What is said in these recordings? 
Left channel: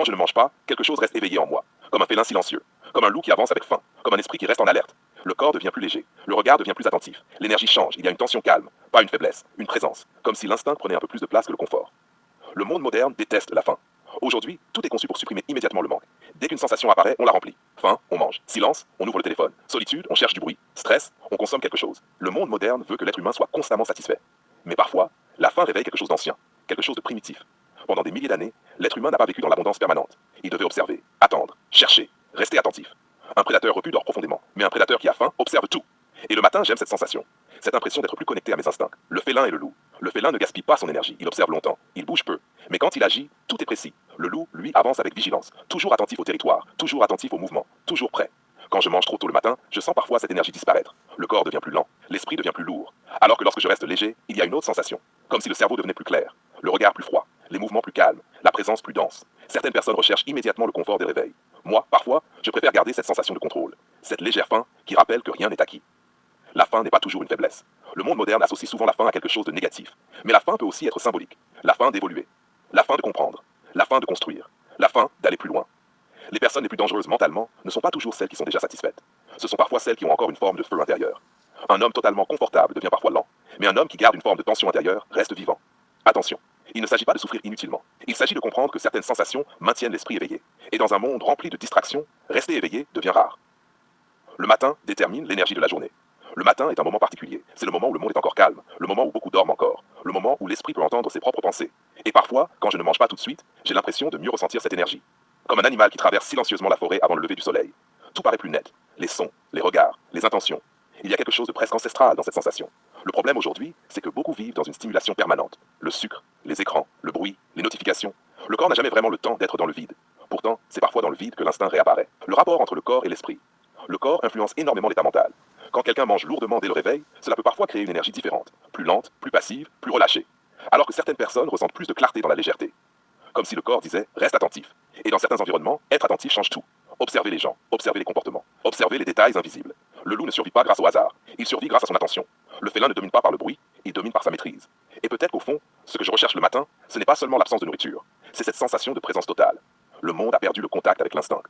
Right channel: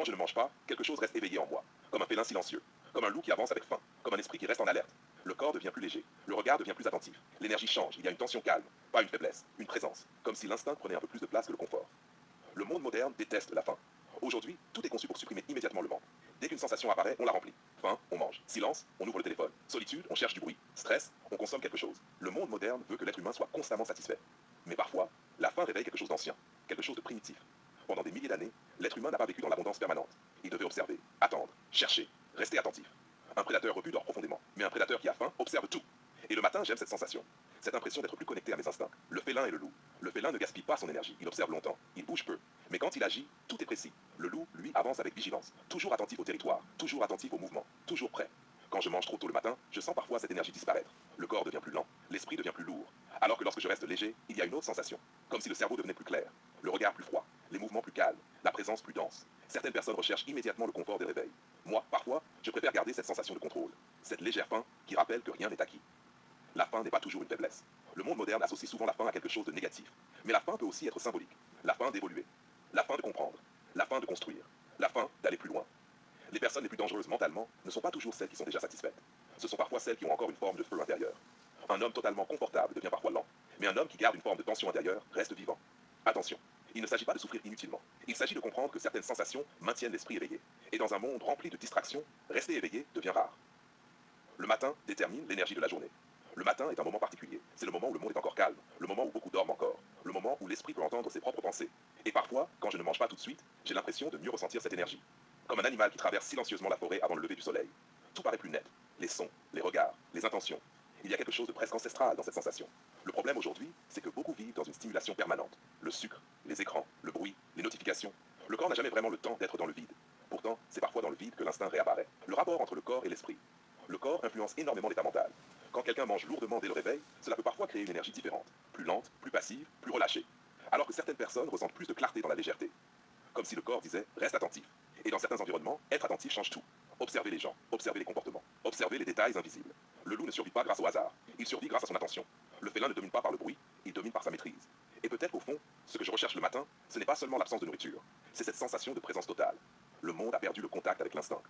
Quand je ne mange pas, quelque chose reste éveillé en moi, comme un félin silencieux, comme un loup qui avance avec faim, comme un esprit qui reste en alerte. Le corps devient plus léger, le regard devient plus attentif, l'énergie change, il y a une tension calme, pas une faiblesse, une présence, comme si l'instinct prenait un peu plus de place que le confort. Le monde moderne déteste la faim. Aujourd'hui, tout est conçu pour supprimer immédiatement le manque. Dès qu'une sensation apparaît, on la remplit. Faim, on mange. Silence, on ouvre le téléphone. Solitude, on cherche du bruit. Stress, on consomme quelque chose. Le monde moderne veut que l'être humain soit constamment satisfait. Mais parfois, la faim réveille quelque chose d'ancien, quelque chose de primitif. Pendant des milliers d'années, l'être humain n'a pas vécu dans l'abondance permanente. Il devait observer, attendre, chercher, rester attentif. Un prédateur repu dort profondément, mais un prédateur qui a faim observe tout. Et le matin, j'aime cette sensation, cette impression d'être plus connecté à mes instincts. Le félin et le loup. Le félin ne gaspille pas son énergie, il observe longtemps, il bouge peu. Mais quand il agit, tout est précis. Le loup, lui, avance avec vigilance, toujours attentif au territoire, toujours attentif au mouvement, toujours prêt. Quand je mange trop tôt le matin, je sens parfois cette énergie disparaître. Le corps devient plus lent, l'esprit devient plus lourd. Alors que lorsque je reste léger, il y a une autre sensation, comme si le cerveau devenait plus clair, le regard plus froid, les mouvements plus calmes, la présence plus dense. Certaines personnes recherchent immédiatement le confort des réveils. Moi, parfois, je préfère garder cette sensation de contrôle, cette légère faim qui rappelle que rien n'est acquis. La faim n'est pas toujours une faiblesse. Le monde moderne associe souvent la faim à quelque chose de négatif. Mais la faim peut aussi être symbolique. La faim d'évoluer. La faim de comprendre. La faim de construire. La faim d'aller plus loin. Les personnes les plus dangereuses mentalement ne sont pas toujours celles qui sont déjà satisfaites. Ce sont parfois celles qui ont encore une forme de feu intérieur. Un homme totalement confortable devient parfois lent. Mais un homme qui garde une forme de tension intérieure reste vivant. Attention, il ne s'agit pas de souffrir inutilement. Il s'agit de comprendre que certaines sensations maintiennent l'esprit éveillé. Et dans un monde rempli de distractions, rester éveillé devient rare. Le matin détermine l'énergie de la journée. Le matin est un moment particulier. C'est le moment où le monde est encore calme, le moment où beaucoup dorment encore, le moment où l'esprit peut entendre ses propres pensées. Et parfois, quand je ne mange pas tout de suite, j'ai l'impression de mieux ressentir cette énergie. Comme un animal qui traverse silencieusement la forêt avant le lever du soleil. Tout paraît plus net. Les sons, les regards, les intentions. Il y a quelque chose de presque ancestral dans cette sensation. Le problème aujourd'hui, c'est que beaucoup vivent dans une stimulation permanente. Le sucre, les écrans, le bruit, les notifications. Le corps n'a jamais vraiment le temps d'être dans le vide. Pourtant, c'est parfois dans le vide que l'instinct réapparaît. Le rapport entre le corps et l'esprit. Le corps influence énormément l'état mental. Quand quelqu'un mange lourdement dès le réveil, cela peut parfois créer une énergie différente, plus lente, plus passive, plus relâchée. Alors que certaines personnes ressentent plus de clarté dans la légèreté. Comme si le corps disait reste attentif. Et dans certains environnements, être attentif change tout. Observez les gens, observez les comportements, observez les détails invisibles. Le loup ne survit pas grâce au hasard, il survit grâce à son attention. Le félin ne domine pas par le bruit, il domine par sa maîtrise. Et peut-être qu'au fond, ce que je recherche le matin, ce n'est pas seulement l'absence de nourriture, c'est cette sensation de présence totale. Le monde a perdu le contact avec l'instinct.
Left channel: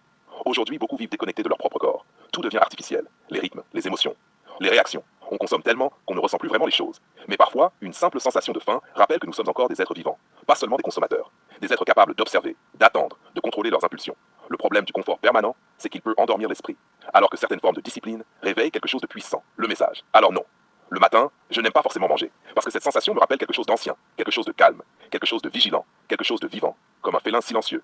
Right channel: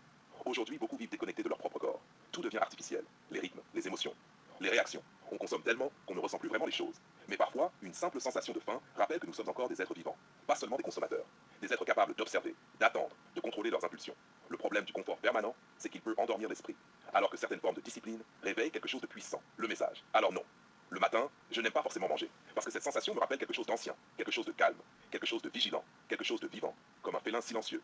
Aujourd'hui, beaucoup vivent déconnectés de leur propre corps. Tout devient artificiel, les rythmes, les émotions, les réactions. On consomme tellement qu'on ne ressent plus vraiment les choses. Mais parfois, une simple sensation de faim rappelle que nous sommes encore des êtres vivants, pas seulement des consommateurs. Des êtres capables d'observer, d'attendre, de contrôler leurs impulsions. Le problème du confort permanent, c'est qu'il peut endormir l'esprit, alors que certaines formes de discipline réveillent quelque chose de puissant, le message. Alors non. Le matin, je n'aime pas forcément manger, parce que cette sensation me rappelle quelque chose d'ancien, quelque chose de calme, quelque chose de vigilant, quelque chose de vivant, comme un félin silencieux.